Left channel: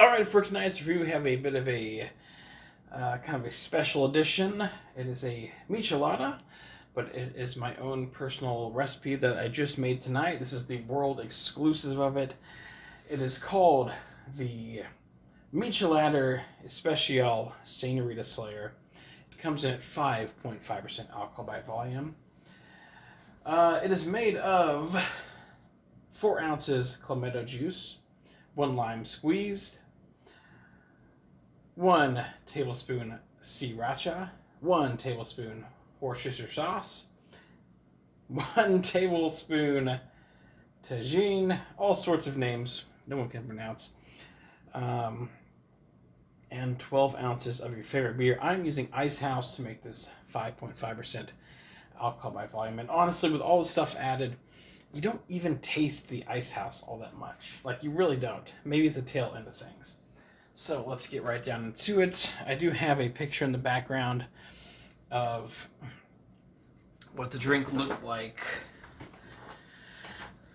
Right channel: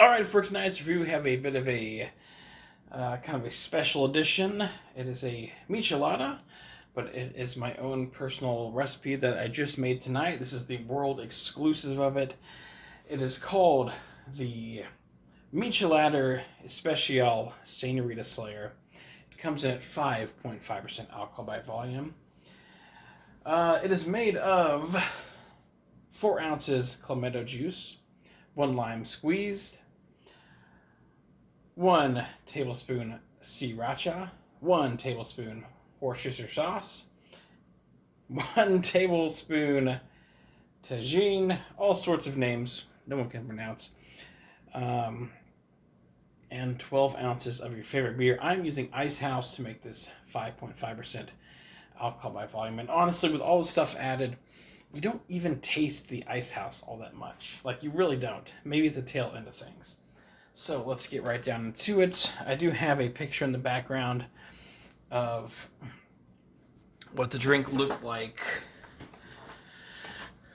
All right, for tonight's review, we have a bit of a kind of a special edition. It is a Michelada, but it is my own personal recipe that I just made tonight. This is the world exclusive of it. It is called the Micheladder Especial Señorita Slayer. It comes in at 5.5% alcohol by volume. It is made of 4 ounces Clamato Juice, 1 lime squeezed, 1 tablespoon T Sriracha, 1 tablespoon Worcestershire Sauce, 1 tablespoon Tajin, all sorts of names no one can pronounce, and 12 ounces of your favorite beer. I'm using Icehouse to make this 5.5% alcohol by volume. And honestly, with all the stuff added, you don't even taste the Icehouse all that much. Like, you really don't. Maybe at the tail end of things. So let's get right down into it. I do have a picture in the background of what the drink looked like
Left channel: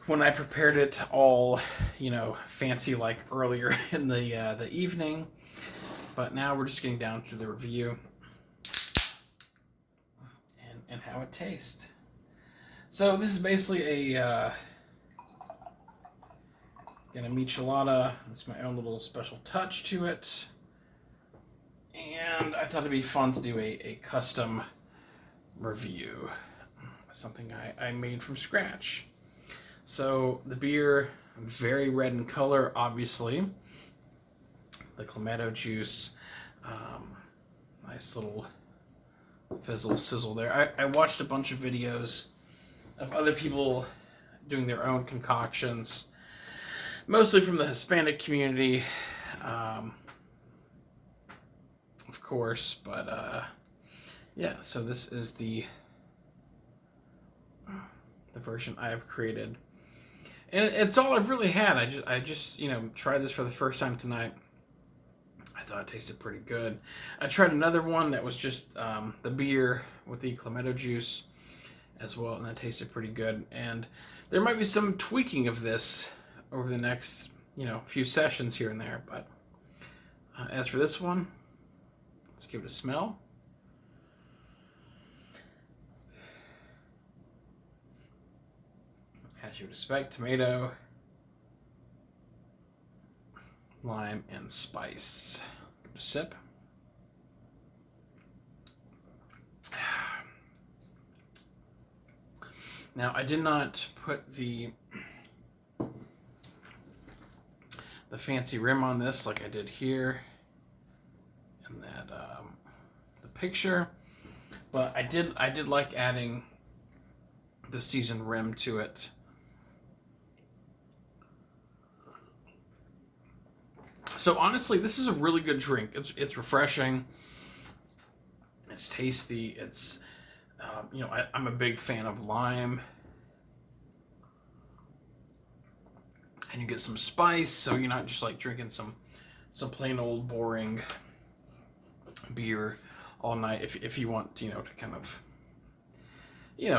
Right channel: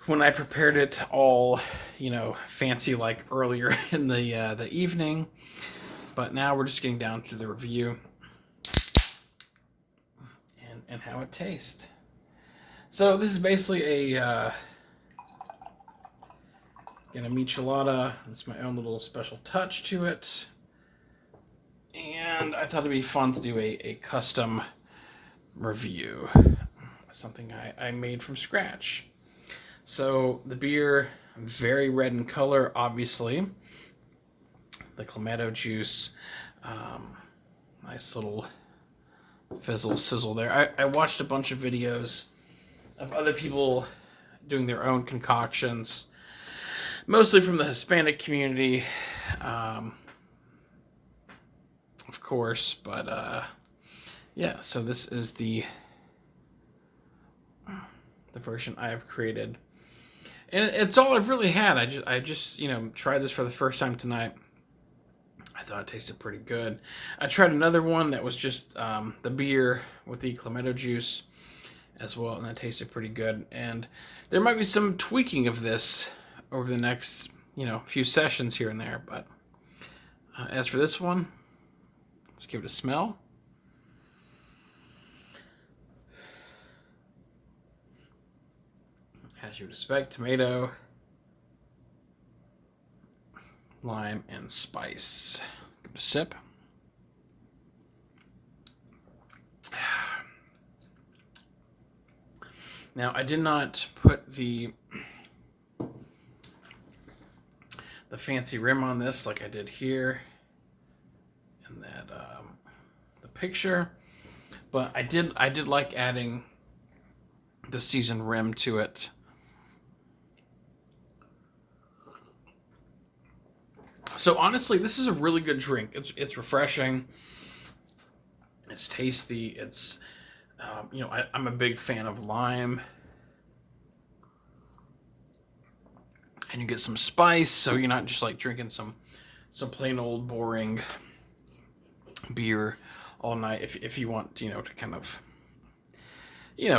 when I prepared it all, fancy like earlier in the evening. But now we're just getting down to the review and how it tastes. So this is basically a Michelada. It's my own little special touch to it. And I thought it'd be fun to do a custom review. Something I made from scratch. So the beer, very red in color, obviously. The Clamato juice. Nice little fizzle sizzle there. I watched a bunch of videos of other people doing their own concoctions, mostly from the Hispanic community, of course, but yeah, so this is the version I have created, and it's all I've really had. I just tried this for the first time tonight. I thought it tasted pretty good. I tried another one that was just the beer with the Clamato juice as well, and that tasted pretty good. And there might be some tweaking of this over the next few sessions here and there, but as for this one, let's give it a smell. As you would expect, tomato, lime, and spice. Give it a sip. Now, I did not put the fancy rim on this like I did here in that the picture, but I did like adding the seasoned rim to it. So honestly, this is a really good drink. It's refreshing. It's tasty. It's I'm a big fan of lime. And you get some spice, so you're not just like drinking some plain old boring beer all night. If you want, to kind of,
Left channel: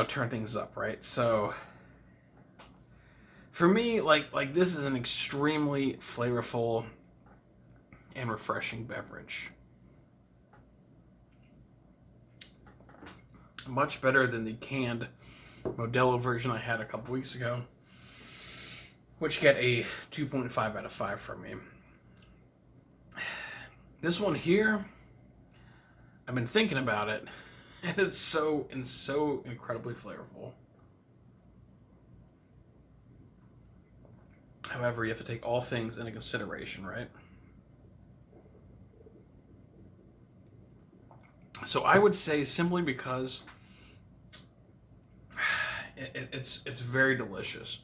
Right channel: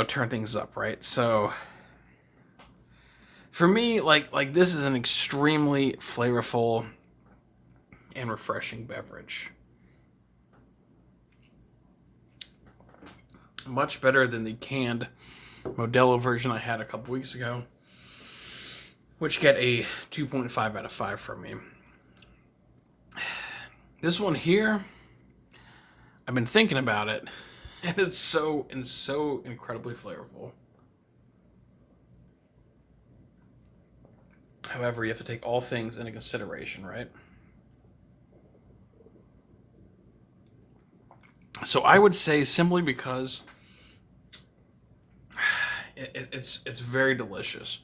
turn things up, right? So for me, like this is an extremely flavorful and refreshing beverage. Much better than the canned Modelo version I had a couple weeks ago, which get a 2.5 out of 5 from me. This one here, I've been thinking about it, and it's so incredibly flavorful. However, you have to take all things into consideration, right? So I would say, simply because it's very delicious,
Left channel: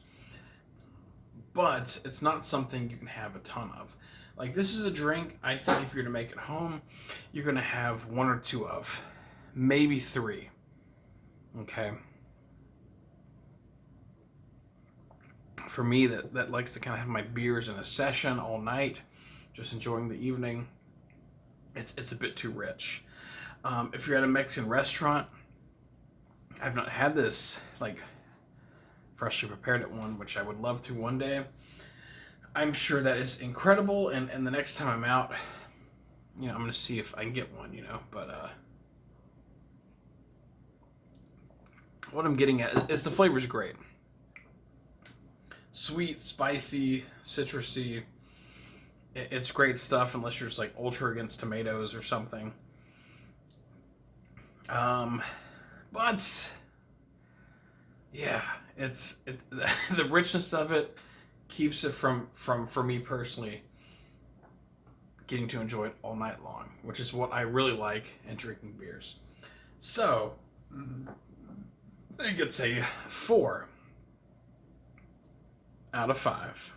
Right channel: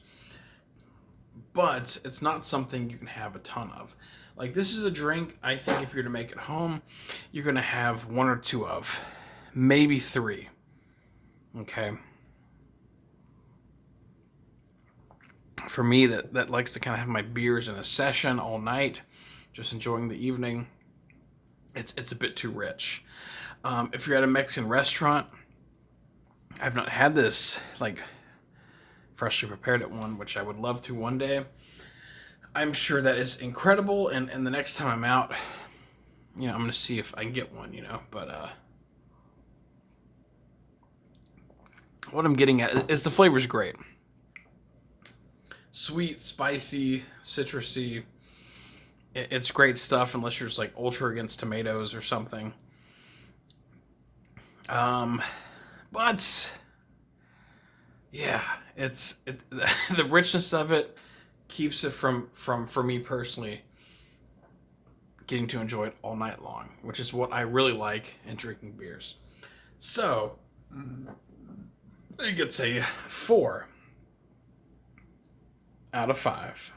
but it's not something you can have a ton of. Like, this is a drink, I think if you're going to make it home, you're going to have 1 or 2 of, maybe 3. Okay? For me, that likes to kind of have my beers in a session all night, just enjoying the evening, it's a bit too rich. If you're at a Mexican restaurant, I've not had this, like, freshly prepared at one, which I would love to one day. I'm sure that is incredible, and the next time I'm out, I'm going to see if I can get one, but what I'm getting at is the flavor's great. Sweet, spicy, citrusy. It's great stuff unless you're just like ultra against tomatoes or something. But yeah, the richness of it keeps it from for me personally getting to enjoy it all night long, which is what I really like in drinking beers. So I think it's a 4 out of 5.